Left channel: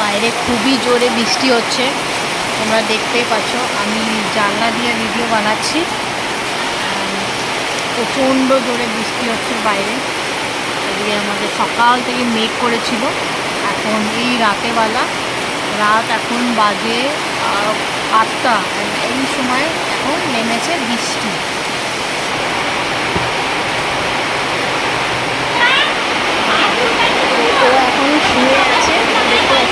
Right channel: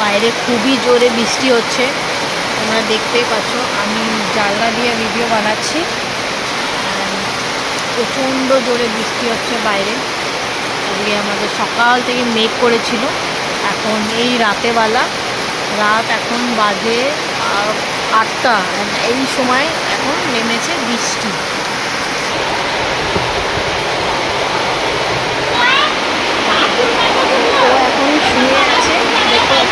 বাইরে খুবই জোরে বৃষ্টি হচ্ছে, তোমরা দেখতেই পাচ্ছ। আমি জানলা দিয়ে ভিডিও বানাচ্ছি, প্রচণ্ড জোরে বৃষ্টি হচ্ছে বাইরে। আজকে আমাদের সকাল থেকে মেঘ করেছিল, এখন এই রাতেবেলা, রাত এখন বাজে 8টা, এই সময় এখন নেমেছে বৃষ্টি। ও এখন শুয়ে আছে, দেখতে পাচ্ছ।